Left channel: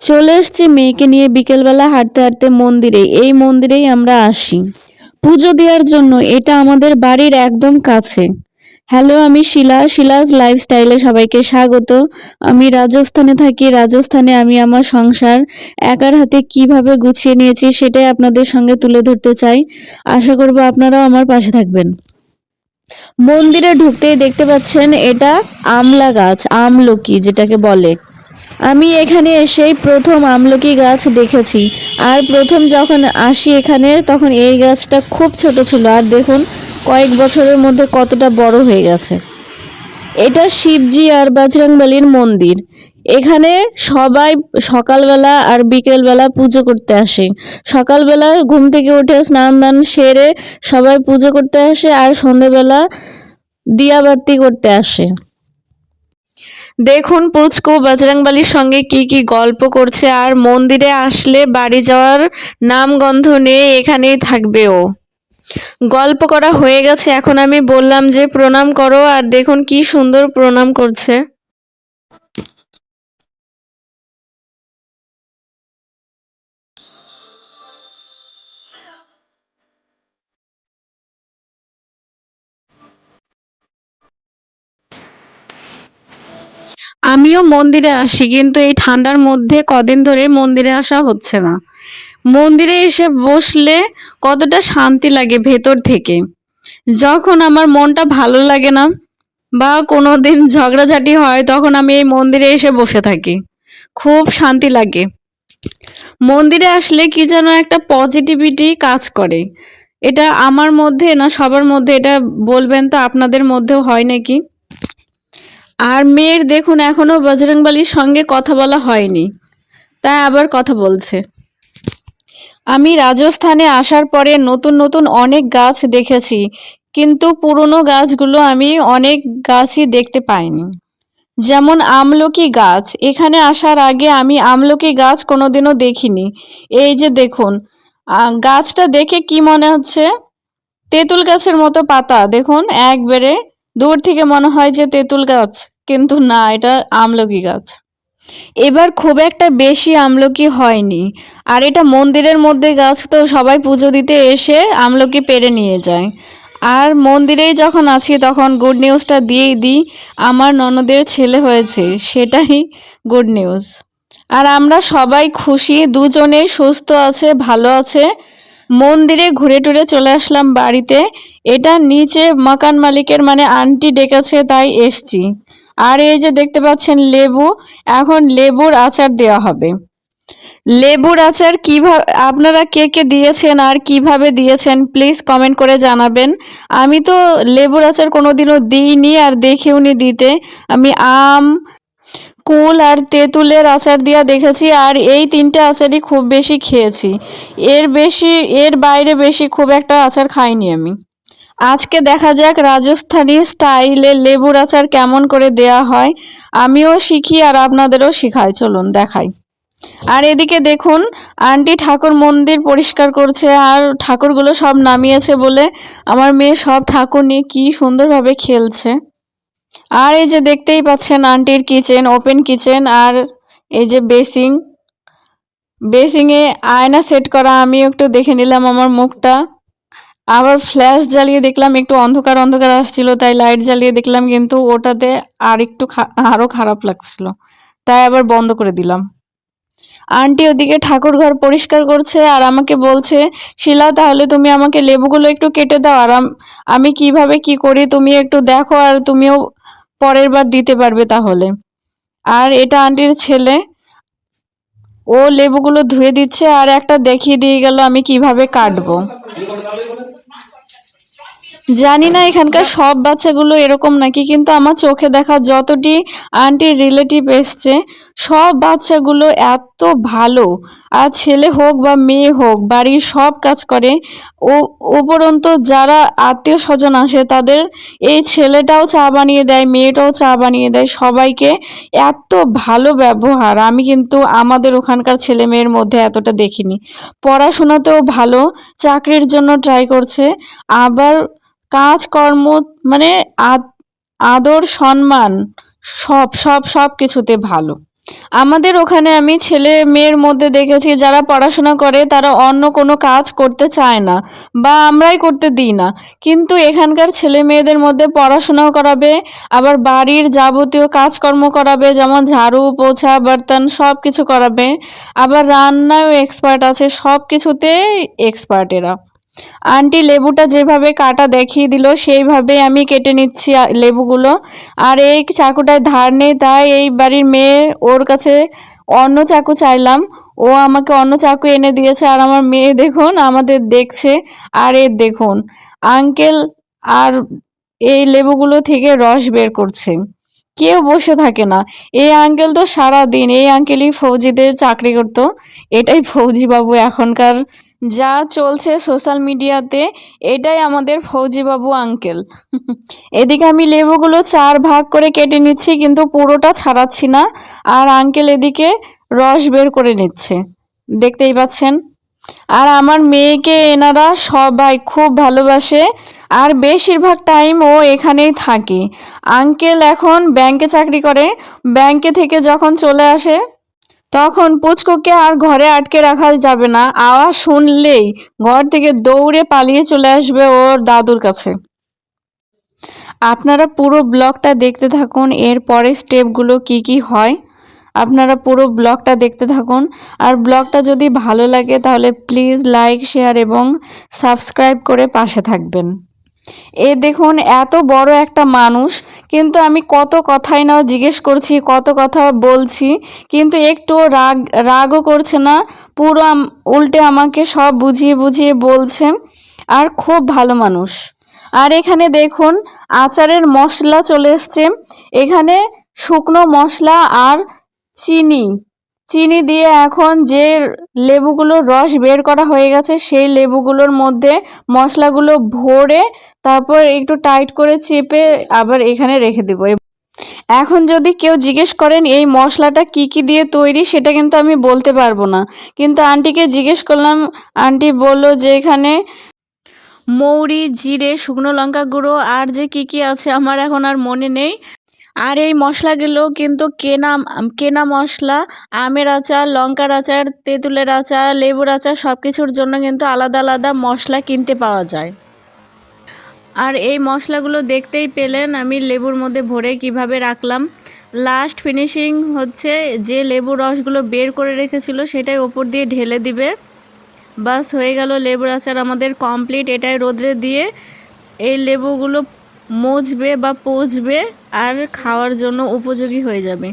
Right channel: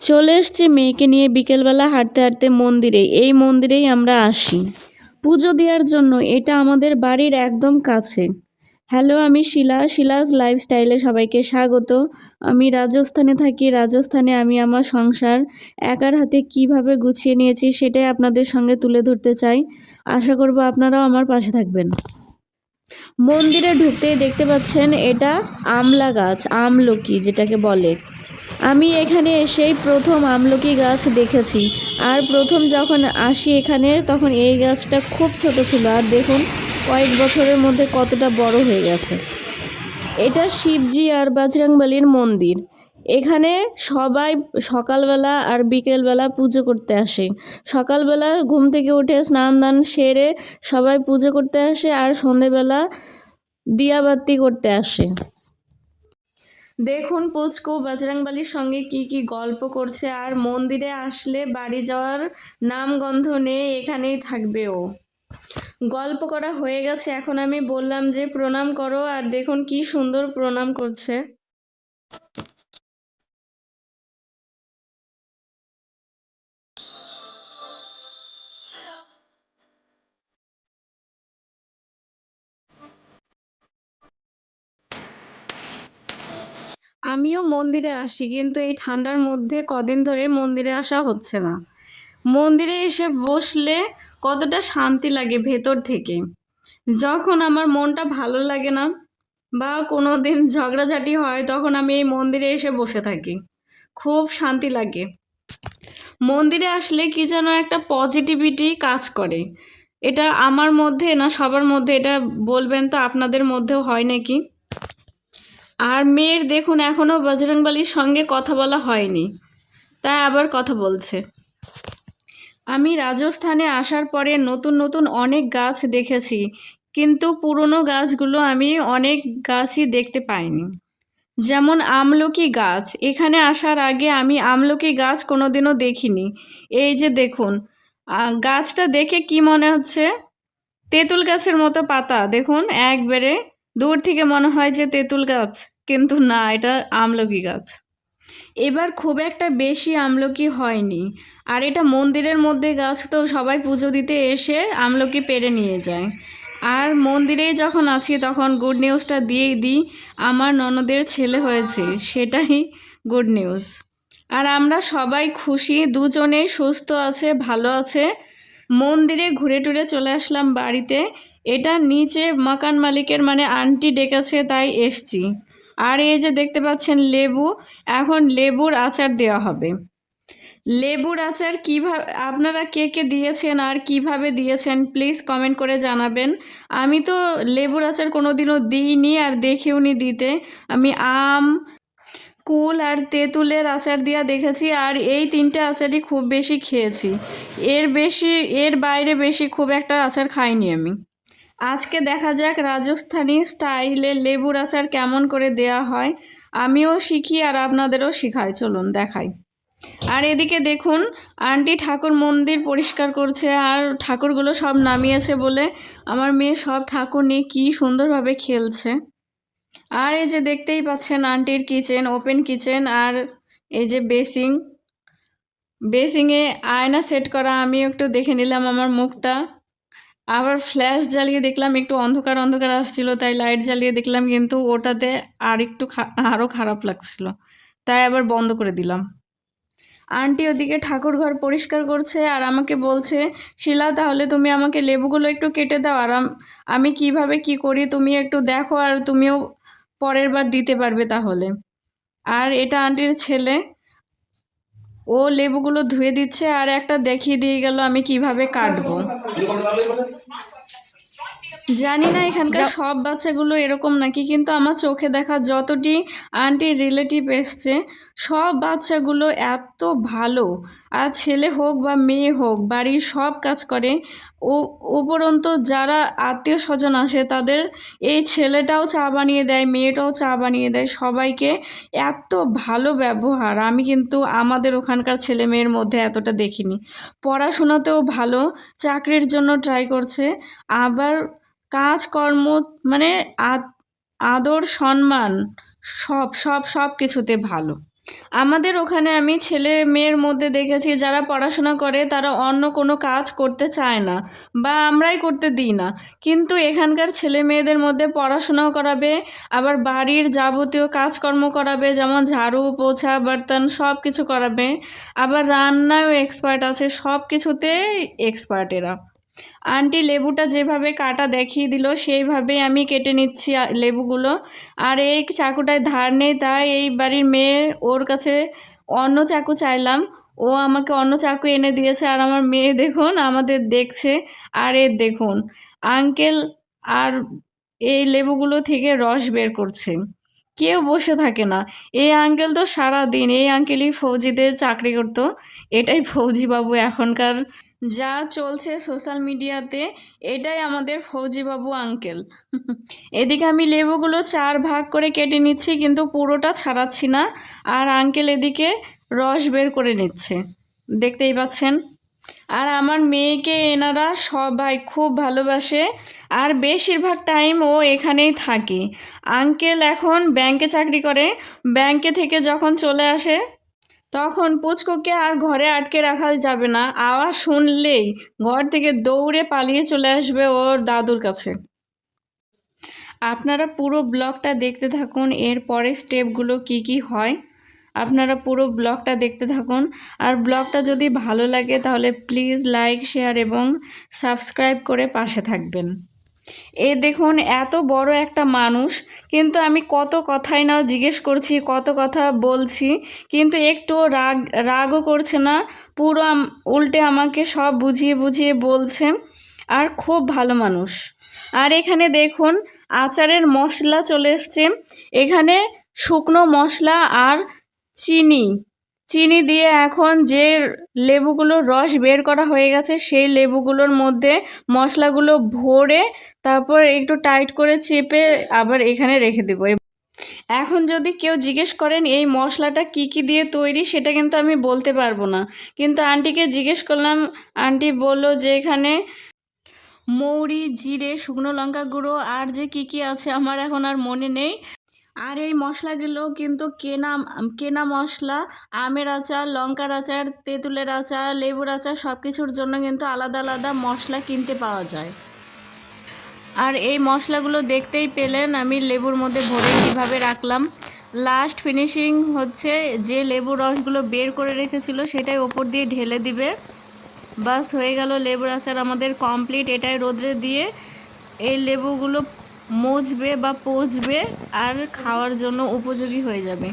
চলে এসেছি মেয়েকে নিয়ে বিকেলবেলা হাঁটতে হাঁটতে মন্দিরে। এই মন্দিরেই আমরা আসি পুজো দেওয়ার জন্য। এটা আমাদের বাড়ির একদম কাছে। হ্যালো, আমি শিলাস লাইফস্টাইলে সবাইকে স্বাগত। আমি রাজস্থানে থাকি। রাজস্থানে আমি আমার সংসার একার হাতে কিভাবে গুছিয়ে নিয়েছি সেটাই আপনাদের সঙ্গে তুলে ধরতে চাই। আশা করব আপনারাও আমার পাশে থাকবেন। মন্দিরে ঢুকতেই দেখতে পাচ্ছেন এটা আমলা গাছ, আমলকি যেটাকে বলে। আমি এখানে এসেই প্রথম আমলকি গাছ দেখেছি। আর প্রথম যখন আসি এখানে তখন এই গাছটা খুব ছোট ছিল, আর দেখুন কয়েক বছরের মধ্যে কতটা বড় হয়ে গেছে। এটা শিবজি আর বজরংবলীর মন্দির। এখানে সবাই সকালবেলা আর বিকেলবেলা পুজো করতে আসে। সকালবেলা ঘুম থেকে উঠে স্নান দান সেরে সবাই পুজো করতে আসে, আর সন্ধ্যেবেলা দিয়াবাতি করতে আসে। দেখুন পুচকু বজরংবলীর সঙ্গে কি কি গল্প করছে। আর মন্দিরে আসলে বাড়ি যাওয়ার নামগন্ধ নেই, এখানেই থাকবে ও। গল্প করা হয়ে গেছে, এখন আমি বললাম যে প্রণাম করো, আর দেখুন কি সুন্দর প্রণাম করছে। আমিও মন্দিরে আসি, কিন্তু এই ঠান্ডার মধ্যে কদিন ধরে মন্দিরে আসা হচ্ছে না। মন্দিরে এসে বসলে কতটা শান্তি লাগে ভেতর থেকে। যখন আমার মনটা ভালো লাগে না বা কোনো দিন ঝগড়াঝাটি হয়, তখন আমি এই মন্দিরে এসে বসে থাকি। খুব শান্তি লাগে। মন্দিরে আসলে কি যেন একটা পজিটিভিটি কাজ করে। এটা আমার মধ্যে না সবার মধ্যে, এটা বলবেন তো আপনাদের মধ্যেও হয় নাকি। আর মেয়ের দেখুন এখনো বজরংবলীর সঙ্গে কথা বলা হয়নি, তাই আবার কথা বলছে। আমি রাজস্থানে আসার পরে নতুন নতুন অনেক গাছ দেখেছি, কিন্তু পুরনো গাছগুলো আমি অনেক গাছই দেখতে পাইনি। যেমন আমলকি গাছ, এখানে আসার আগে আমি আমলকি গাছ কোনোদিনও দেখিনি। এই যে দেখুন, গাছটা দেখে কি মনে হচ্ছে, তেঁতুল গাছের মতো পাতা। দেখুন একবারে দূর থেকে মনে হয় যে তেঁতুল গাছ, কিন্তু না, এটা আমলকি গাছ। এবার খুব একটা বেশি আমলকি হয়নি। আর এটা মন্দিরের মধ্যে গাছ, তো সবাই পুজো দিতে এসে আমলকি পেড়ে নিয়ে যায়। আর মন্দিরেই যখন আছি তখন গুড নিউজটা দিয়েই দিই, আমার ননদের ছেলে হয়েছে, সেটাই গুড নিউজ। আর আমরা সবাই খুশি, দুজনেই সুস্থ আছে, ভালো আছে। মন্দিরে ঘুরে টুরে চলে আসলাম বাড়িতে। এটা নিচে মাকান মালিকের মানে আন্টি ডেকেছে, তাই এসছি। আর এই যে দেখতে পাচ্ছেন লেবু, এখন লেবুর আচার দেওয়া হবে। লেবুর আচার কিভাবে আপনারা কে কে দিয়েছেন আর কিভাবে দিয়েছেন প্লিজ কমেন্ট করে জানাবেন। আমি তো লেবুর আচার কোনোদিনও দিইনি আর দেখিওনি দিতে। আমি আম, কুল আর তেঁতুলের আচার দিয়া দেখেছি, আর এই তিনটে আচারই খুব বেশি খেয়েছি। এর বাইরে বেশি খুব একটা আচার খাইনি আমি। আজকে দেখা যাক রাজস্থানী স্টাইলে লেবুর আচার কেমন করে দেয়া হয়। আমিও শিখি আর আপনাদেরও শিখাই, চলুন দেখাই। আর এদিকে দেখুন আন্টি ঠাকুর মন্দির পরিষ্কার করছে, আর ঠাকুরগুলো সব নামিয়েছে বলে আমার মেয়ে সব ঠাকুর নিয়ে কি সুন্দরভাবে খেলছে। আর এই যে দেখতেই পাচ্ছেন আন্টির কিচেন, ওপেন কিচেন। আর এই যে বেসিংয়ে আয়না সেট করা। আমি একটু দেখে নিলাম আমার মুখটা। আবার ফ্ল্যাশ জ্বালিয়ে দেখলাম, একটু অন্ধকার অন্ধকার আসছিল, তাই লাইট জ্বালিয়ে দেখলাম, কিন্তু ওটাতে আর একটু আরও খারাপ লাগছিল, তাই আবার বন্ধ করে দিলাম। আন্টি ওদিকে ঠাকুর ঘর পরিষ্কার করছে, আর আমাকে বলছে, শিলা তাহলে তুমি আমাকে লেবুগুলো একটু কেটে দাও, আর আমি কিভাবে কি করি তুমি একটু দেখো, আর তুমিও পরের বার দিতে পারবে তাহলে। আর এটা আন্টির ছেলে, ও লেবুগুলো ধুয়ে দিচ্ছে আর একটা দেখিয়ে দিয়ে গেল আমি কিভাবে কাটবো। জানি না এখানকার সব বাচ্চাগুলো এরকম নাকি, কিন্তু আমার চোখে দেখা যতটি আন্টির রিলেটিভ এসছে সব বাচ্চাগুলো এত ভালো। আর ছেলে হোক বা মেয়ে হোক বাড়ির সব কাজ করে। ও উপরন্তু যারা আত্মীয় স্বজন আসে তাদের এই ছেলেটাও চা বানিয়ে দেয়, মেয়েটাও চা বানিয়ে দেয়, সবাইকে এত ভালো ব্যবহার আমি কিন্তু আমাদের ওখানকার ছেলে মেয়ের মধ্যে এতটা দেখিনি। পড়াশোনাতেও ভালো, চাকরির জন্য ট্রাই করছে, আবার কাজকর্ম মানে আদর সম্মান সব সব সব কিছুতে ভালো। আমাদের ওখানে আমি ছেলে মেয়ের মধ্যে দেখেছি যারা পড়াশোনা করে তারা অন্য কোনো কাজ করতে চায় না বা আমরাই করতে দিই না, কিন্তু এখানকার ছেলে মেয়েদের মধ্যে পড়াশোনাও করাবে, আবার বাড়ির যাবতীয় কাজকর্ম করাবে, যেমন ঝাড়ু পোছা বর্তন সব কিছু করাবে, আবার রান্নাও এক্সপার্ট আছে, সব কিছুতেই এক্সপার্ট এরা। আন্টি লেবুটা যেভাবে কাটা দেখিয়ে দিল সেইভাবে আমি কেটে নিচ্ছি লেবুগুলো। আর এই চাকুটার ধার নেই, তাই এই বাড়ির মেয়ে, ওর কাছে অন্য চাকু চাইলাম, ও আমাকে অন্য চাকু এনে দিয়েছে। আর আমার মেয়ে দেখুন আমাদের দেখছে। আর এর দেখুন আঙ্কেল আর এই লেবুগুলো থেকে রস বের করছে। কেউ বসে থাকে না। এই আঙ্কেল তো সারা দিন, এই আঙ্কেলই ফৌজিদের চাকরি করতো। এটাই ফৌজি বাবু এখনকার যা চলছে সোশ্যাল মিডিয়াতে, এটাই আমাদের ফৌজি বাবু আঙ্কেল। এদিকে আমি লেবুগুলো 4 ভাগ করে কেটে নিচ্ছি, কিন্তু পুরোটা ছাড়াচ্ছি না। আর আঙ্কেল এদিকে রস বের করে নিচ্ছে, দেখতেই পাচ্ছেন। আর আমার মেয়েকে এনারা সবাই খুব ভালোবাসে, আর বেশিরভাগ টাইম ও এখানেই থাকে। আঙ্কেল এখন ব্যাংকে চাকরি করে, ব্যাংকে থেকে যখন চলে আসে তখন পুচকুকে আর ঘরে আটকে রাখা যাবে না, আওয়াজ শুনলেই ঘর থেকে দৌড়ে পালিয়ে চলে আসবে ওর দাদুর কাছে। আপনারা পুরো ব্লগটা দেখতে থাকুন, এর পরের স্টেপগুলো কি কি হয় আপনারা পুরো ব্লগটা দেখতে থাকুন। আর ব্লগটা যদি ভালো লাগে তাহলে প্লিজ লাইক শেয়ার এবং সাবস্ক্রাইব করে পাশে থাকবেন। এ দেখুন এত বড় একটা মানুষ, কিন্তু আমি কত কথাই না জিজ্ঞেস করছি, কত কথা বলছি, কিন্তু একটুও রাগও করছে না। পুরো উল্টে আমাকে সব বুঝিয়ে বুঝিয়ে বলছেন। আর খুব ভালো মানুষ। আর এখানে দেখুন আচারের মশলা চলে এসছে। এখানে শুকনো মশলা আর চিনি চিনি দিয়ে এখন যে লেবুগুলোর রস বের করা হয়ে গেছে সেই লেবুগুলোর মধ্যে মশলাগুলো ভরে তারপর একটু টাইট করে চেপে আবার এখানে রেখে দেবো। এখন যদি কেউ জিজ্ঞেস করেন এই মশলাটা কি কি দিয়ে তৈরি, সেটা কিন্তু আমি বলতে পারবো না, কিন্তু আন্টিকে জিজ্ঞেস করলাম। আন্টি বলল যে এখানে মৌরি, জিরে, শুকনো লঙ্কা গুঁড়ো আর যে কি কি আছে আমার এখন আর মনে নেই। আর এই মশলাগুলো কিন্তু কেনা কেনা মশলা। আমের আচার, লঙ্কার আচার, তেঁতুলের আচার, লেবুর আচার সব কিছুর জন্য কিন্তু আলাদা আলাদা মশলা কিনতে পাওয়া যায়। আর এই মশলাগুলো দেখতেই পেলেন আমি লেবুর মধ্যে ভরে কিভাবে রাখলাম। লাস্ট ফিনিশিং হচ্ছে যে লেবু রসগুলো বের করে রেখেছিল সেটাই ওপর দিয়ে ঢেলে দিবে। বাস হয়ে গেল, লেবুর আচার আমাদের কমপ্লিট। এটাই রোদ্রে দিয়ে এই লেবুগুলো মজবে বা পচবে আর খাওয়ার জন্য উপযোগী হয়ে যাবে।